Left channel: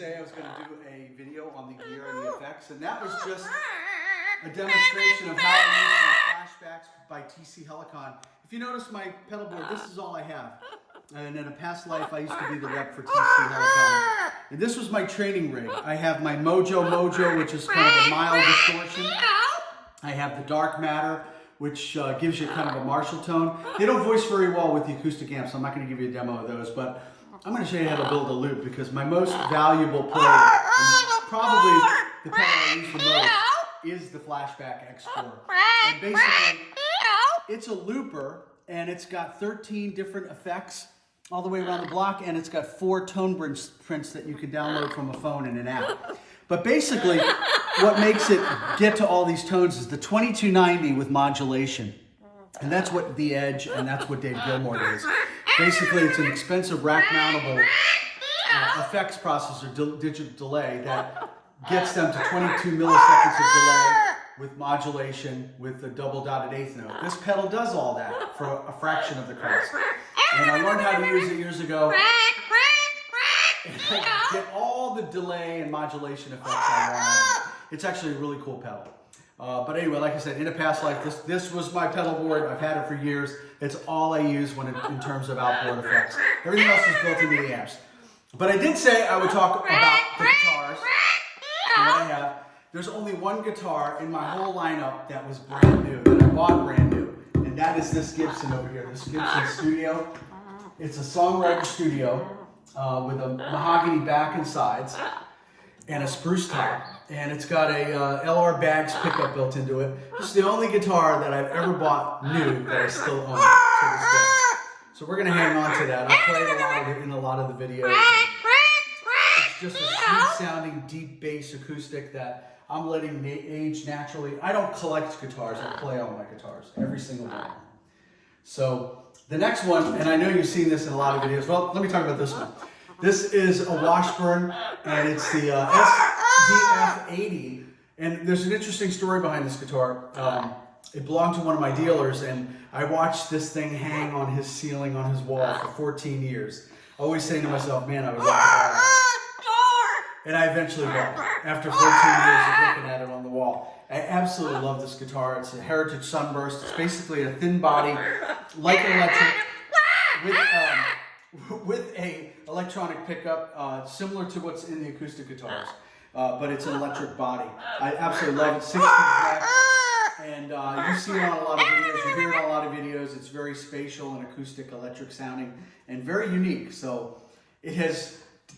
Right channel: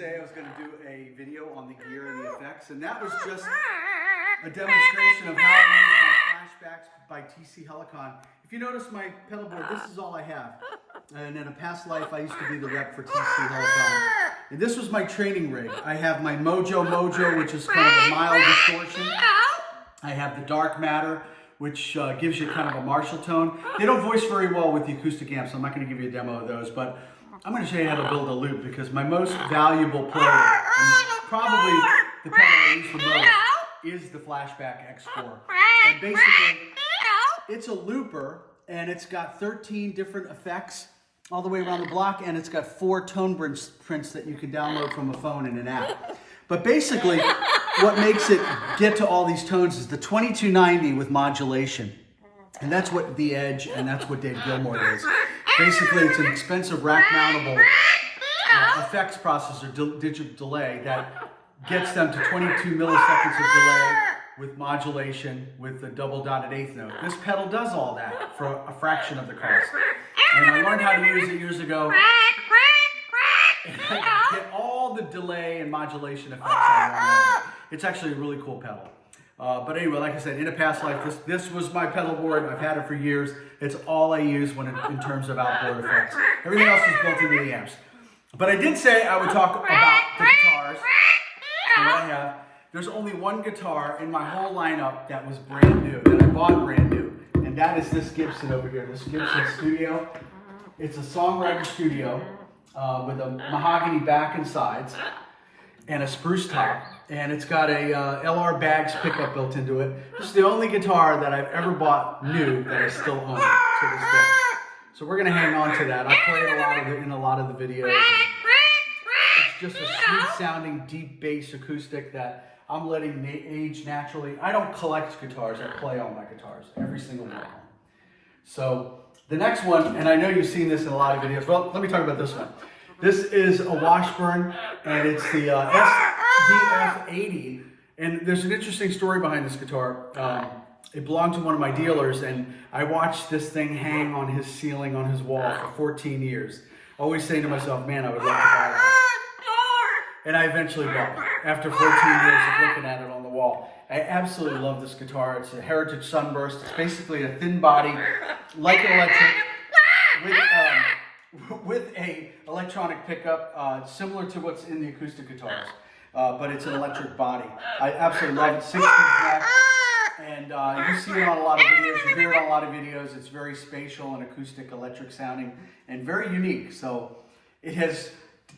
say I was going to do a video on the gear and the effects, and that was just a demonstration of how I use my flashbacks by TC Helicon. If you notice my pedal board, this is all I have. And in a past life, I used to be the rep for TC Helicon. And this was my training rig. I have my Mojo, which is kind of a mild distortion. I have the Dark Matter, which gives you kind of a Marshall tone. They don't voice very well with the acoustic amps, so I'm not going to give you a demo of those, but I'm going to show you how to build a loop, because my most valuable player, and probably the pedal I use the most, is the Flashback X4. And basically, it's a looper, and it's got 13 different effects all the way around the block, and it's got 4 tone prints that you can download from a phone in an app. But basically, what makes it get to all these tones is the 2290 with modulation. And that's what the Edge and that's what Dave Gilmour is. Basically, it's an expensive rack-mountable effects processor, digital delay, that gets them to 22 milliseconds of delay with modulation with the double dotted eighth note. This pedal does all that for a fraction of the cost. And I learned how to use it years ago. And I get all the delay and modulation effects I want. It's actually a really cool pedal. But anyway, like I said, in a past life, this was my pedal board. I've had it for years. It's all I use in terms of outboard effects. Everything else is built into the amps. But I did say I would talk about the guitars and what I have. There's only one guitar in my whole lineup that was brand new, that I bought brand new. And that is this Gibson over here, this Gibson Studio. It's a songwriter studio with a mahogany back and sides and a spruce top. And it's got a LR Bags pickup built into it. This is the only guitar that I've ever bought new that I still own to this day. So we're gonna hang on to that. I played a lot of it in a lot of the videos. It's just a sweet sounding, deep bass acoustic that I'm letting age naturally. I don't collect guitars, I play on my guitars, every single one. So the next one, and I know you've seen this in a lot of videos. Well, let me talk about this one. This is a Washburn, and it's the SDF80. And there's an interesting story behind this guitar. It belonged to one of my dealers, and I watched this thing hang on his ceiling, on his wall for 14 years. Always saying to myself, man, I would love to buy it. And I eventually bought it after 14 years of looking at it on the wall. I absolutely love this guitar. It's a Heritage Sunburst. It's basically a thin body, like an electric, with a electronic pickup, similar to what's in the acoustic guitars, but it's an electric body. I absolutely love it. 60s neck, and you see it on a lot of videos. You hear it on a lot of videos. It's very spatial and acoustic, electric sounding, and very unique. So it has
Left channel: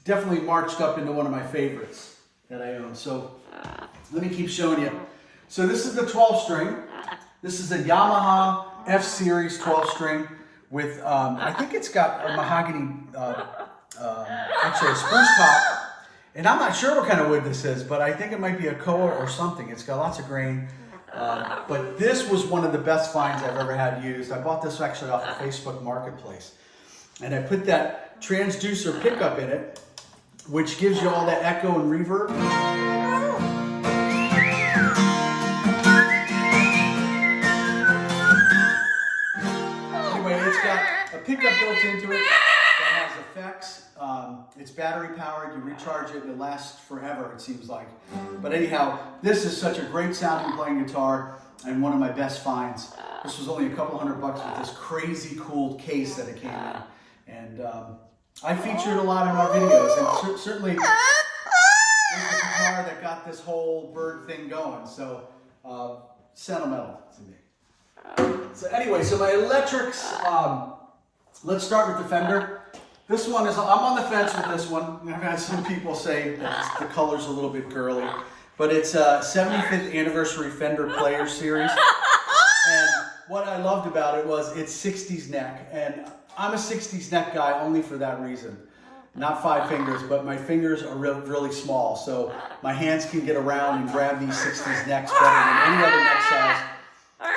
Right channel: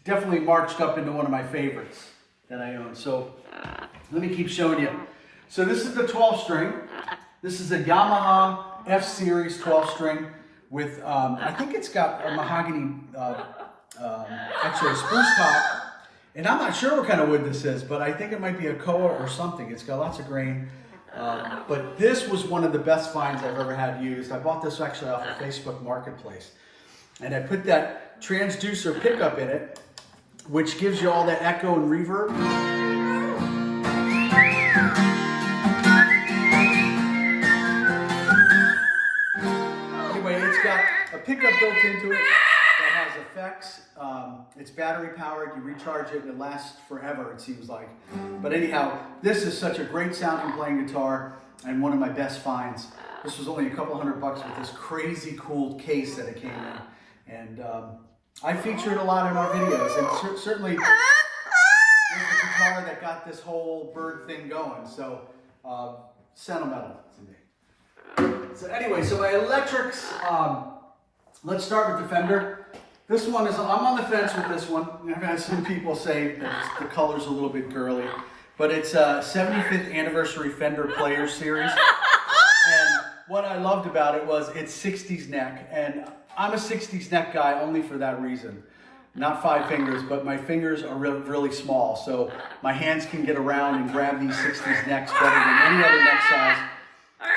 definitely marched up into one of my favorites that I own. So let me keep showing you. So this is the 12-string. This is a Yamaha F-Series 12-string with, I think it's got a mahogany, actually a spruce top. And I'm not sure what kind of wood this is, but I think it might be a koa or something. It's got lots of grain. But this was one of the best finds I've ever had used. I bought this actually off of Facebook Marketplace. And I put that transducer pickup in it, which gives you all that echo and reverb. Anyway, it's got a pickup built into it that has effects. It's battery powered. You recharge it and it lasts forever, it seems like. But anyhow, this is such a great sounding playing guitar and one of my best finds. This was only a couple $100 with this crazy cool case that it came in. And I feature it a lot in our videos, and certainly it's the guitar that got this whole bird thing going. So sentimental to me. So anyway, so my electrics. Let's start with the Fender. This one is, I'm on the fence with this one. I've had some people say that the color's a little bit girly, but it's a 75th anniversary Fender Player Series. And what I loved about it was it's 60s neck, and I'm a 60s neck guy only for that reason. Not 5 fingers, but my fingers are really small, so my hands can get around and grab these 60s necks better than any other neck size.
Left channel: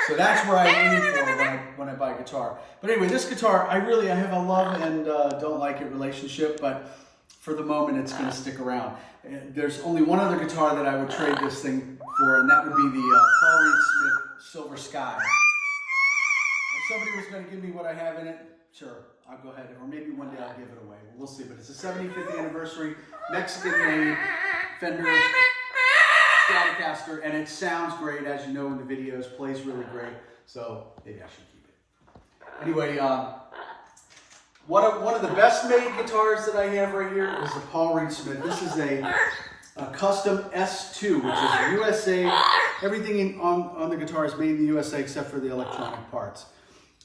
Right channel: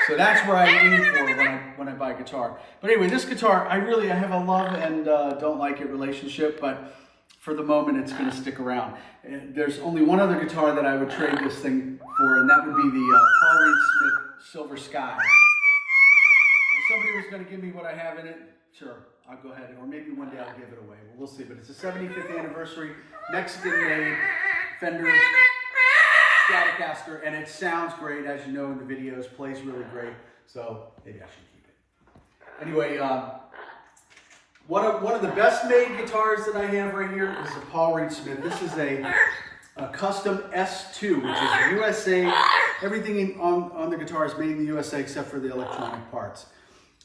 So that's where I aim for when I buy a guitar. But anyway, this guitar, I have a love and don't like it relationship, but for the moment, it's going to stick around. And there's only one other guitar that I would trade this thing for, and that would be the Paul Reed Smith Silver Sky. If somebody was going to give me what I have in it, sure, I'll go ahead, or maybe one day I'll give it away. Well, we'll see. But it's the 75th anniversary, Mexican-made Fender Stratocaster, and it sounds great, as you know in the videos, plays really great. So maybe I should keep it. Anyway, one of the best made guitars that I have right here is the Paul Reed Smith. This is a custom S2, which is USA. Everything on the guitar is made in the USA except for the electronic parts.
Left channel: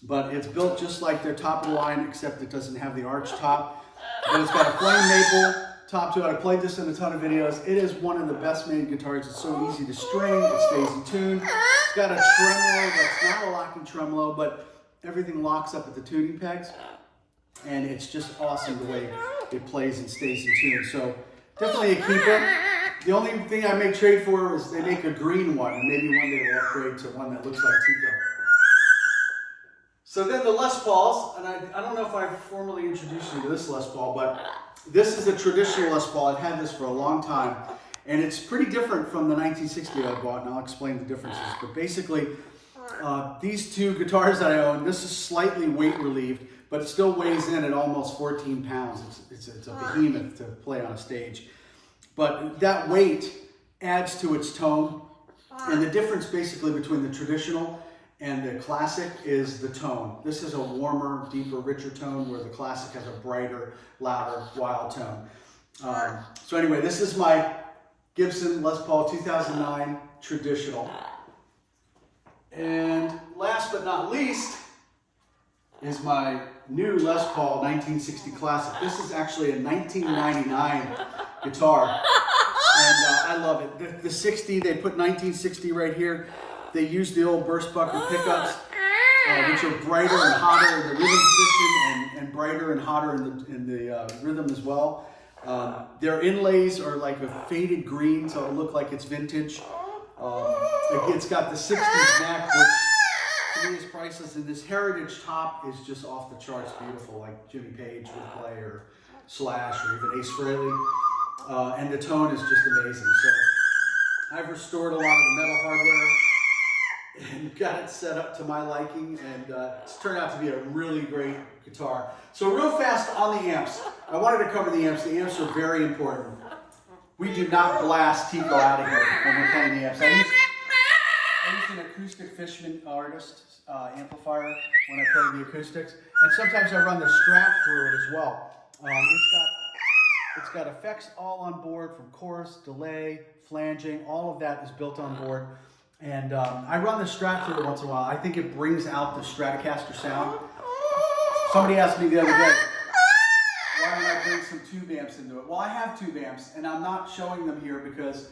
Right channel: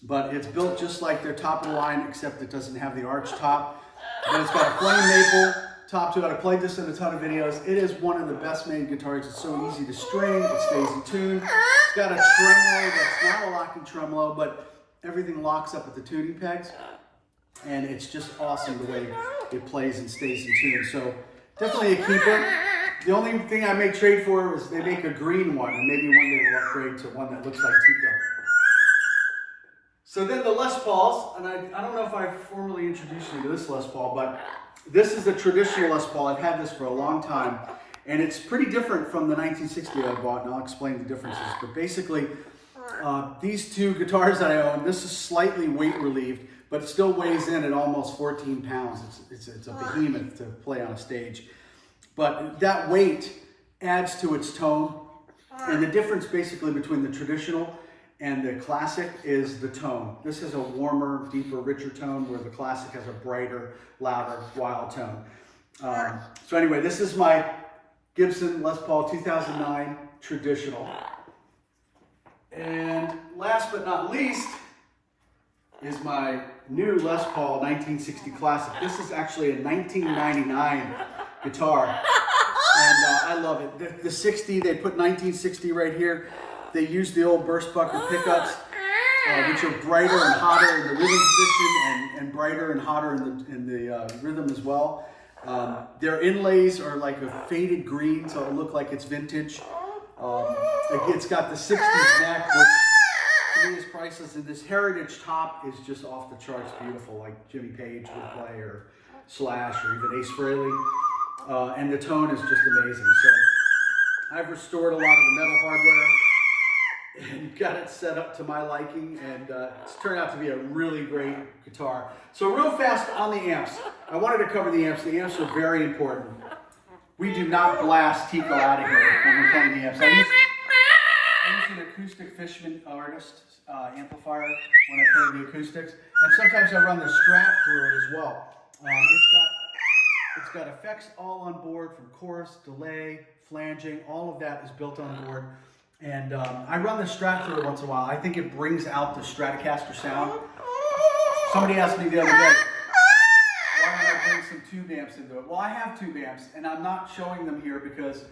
But it's built just like their top of the line, except it doesn't have the arch top. But it's got a flame maple top to it. I played this in a ton of videos. It is one of the best made guitars. It's so easy to string. It stays in tune. It's got a tremolo that's not a locking tremolo, but everything locks up at the tuning pegs. And it's just awesome the way it plays and stays in tune. So definitely a keeper. The only thing I may trade for is they make a green one, and maybe one day we'll upgrade to one that looks like Tico. So then the Les Pauls, and I don't know if I formally introduced you to this Les Paul, but this is a traditional Les Paul. I've had this for a long time, and it's pretty different from the 1960 I bought, and I'll explain the differences. But basically, these two guitars that I own, this is slightly weight relieved, but it still weighs in at almost 14 pounds. It's a behemoth to play on a stage. But that weight adds to its tone, and the difference basically between the traditional and the classic is the tone. This is a warmer, deeper, richer tone, where the classic has a brighter, louder, wild tone. So anyway, this is my Gibson Les Paul 2009 traditional. And last but not least is my new Les Paul 1960 classic. This is actually a 1999 guitar, and I love it. The 60, they put 1960 right here. They use the old burst bucker pickups, which are brighter and hotter in the rhythm position, and brighter and hotter in the rhythm as well. Their inlays are like a faded green, so it'll look like it's vintage. It's got the 60s neck, which to me is priceless, and this heritage top is just off the charts beautiful, like Jimmy Page would play, or Slash, or even Ace Frehley. And the tone is just amazing. So I've restored a lot of the metal hardware and got it set up to my liking, and it's turned out to be a really great guitar. So real fast on the amps, I wanted to cover the amps. The amps are very important. We do not blast Tico out of here when we're playing the amps. I use an Acoustic Fishman Artist amplifier when I play the acoustics, and sometimes I run the Strat through it as well. It's got effects all on board, from chorus, delay, flanging, all of that is built on board. And I run the Strat through it once in a while. I think it brings out the Stratocaster sound. Somebody asked me the other day, why don't I bring some tube amps into it? Well, I have tube amps, and I'm not showing them here because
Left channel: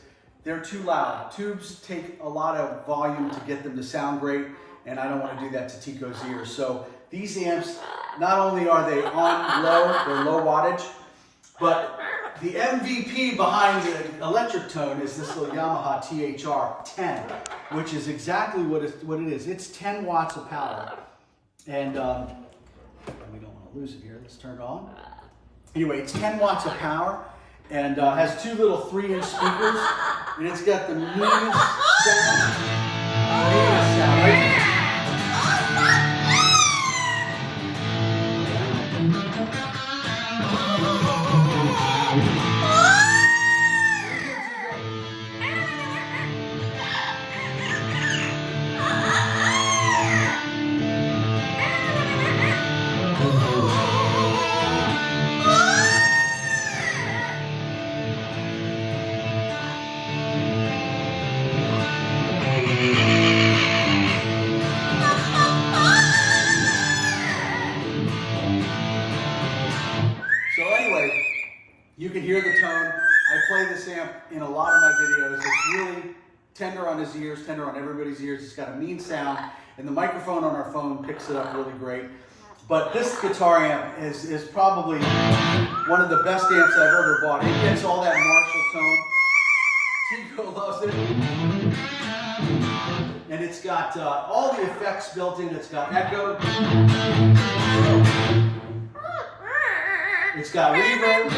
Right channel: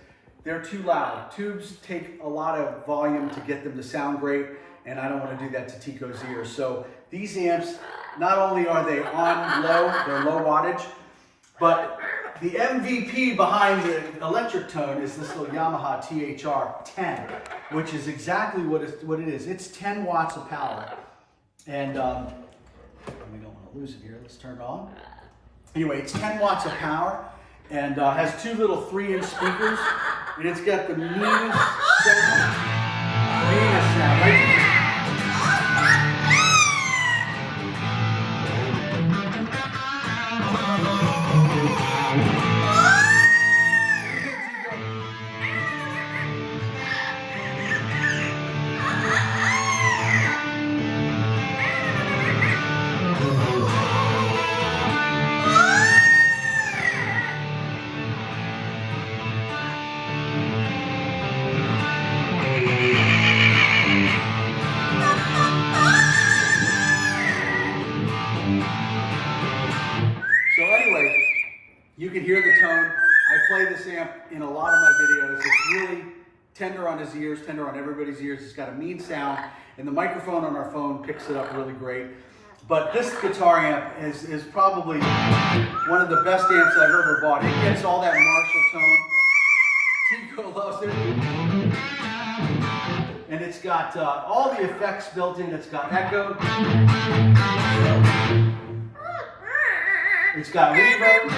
they're too loud. Tubes take a lot of volume to get them to sound great, and I don't want to do that to Tico's ears. So these amps, not only are they on low, they're low wattage, but the MVP behind the electric tone is this little Yamaha THR-10, which is exactly what it is. It's 10 watts of power. And we don't want to lose it here. Let's turn it on. Anyway, it's 10 watts of power, and has two little 3-inch speakers, and it's got the meanest sound, right? So anyway, you can hear the tone. I play this amp in a lot of my videos. It's really tender on his ears, tender on everybody's ears. It's got a mean sound, and the microphone on our phone picks it up really great. But this guitar amp is probably one of the best amps I've ever bought. It gets all that Marshall tone. Tico loves it. And it's got all the effects built in. It's got echo. It's got reverb.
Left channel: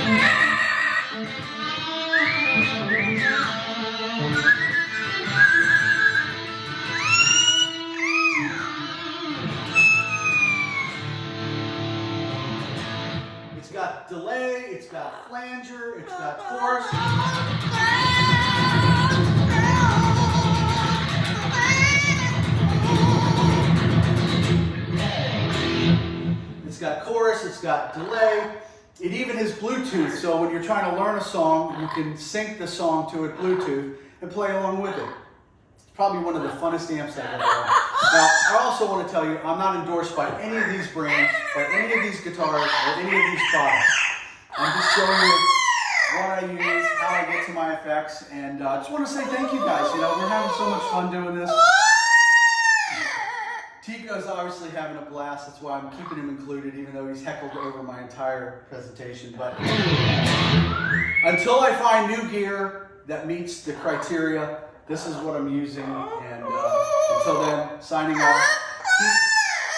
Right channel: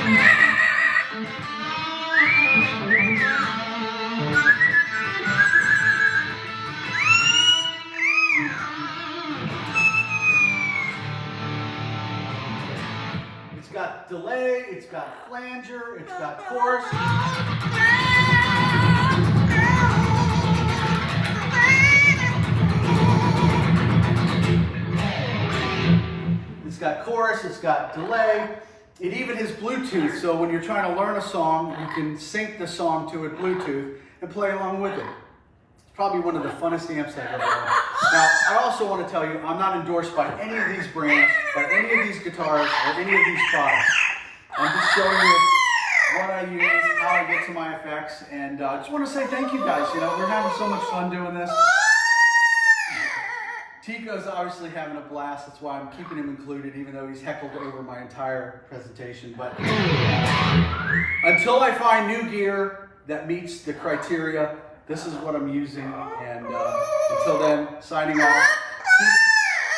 got flanger, it's got chorus. It's got chorus, it's got delay. It even has Bluetooth, so when you're trying to learn a song, you can sync the song to it Bluetooth and play along with it. It's probably one of the funnest amps I've ever owned. Now, I also want to tell you, I'm not endorsed by any of these brands, by any of these guitars, or any of these products. I'm just showing you what I use, how I get to my effects, and I just want to say thank you guys. You know, we're having so much fun doing this. Tico's obviously having a blast. That's why I'm keeping him included, even though he's heckled over my entire presentation. But until I find new gear that meets the criteria, this is what I'm using. And until then, signing off.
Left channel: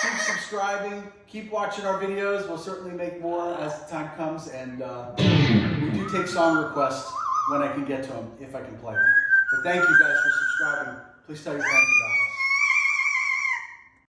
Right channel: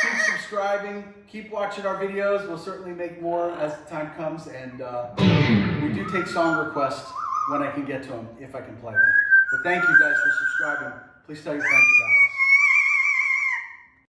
Keep subscribing. Keep watching our videos. We'll certainly make more as the time comes. And we do take song requests when I can get to them, if I can play them. But thank you guys for subscribing. Please tell your friends about us.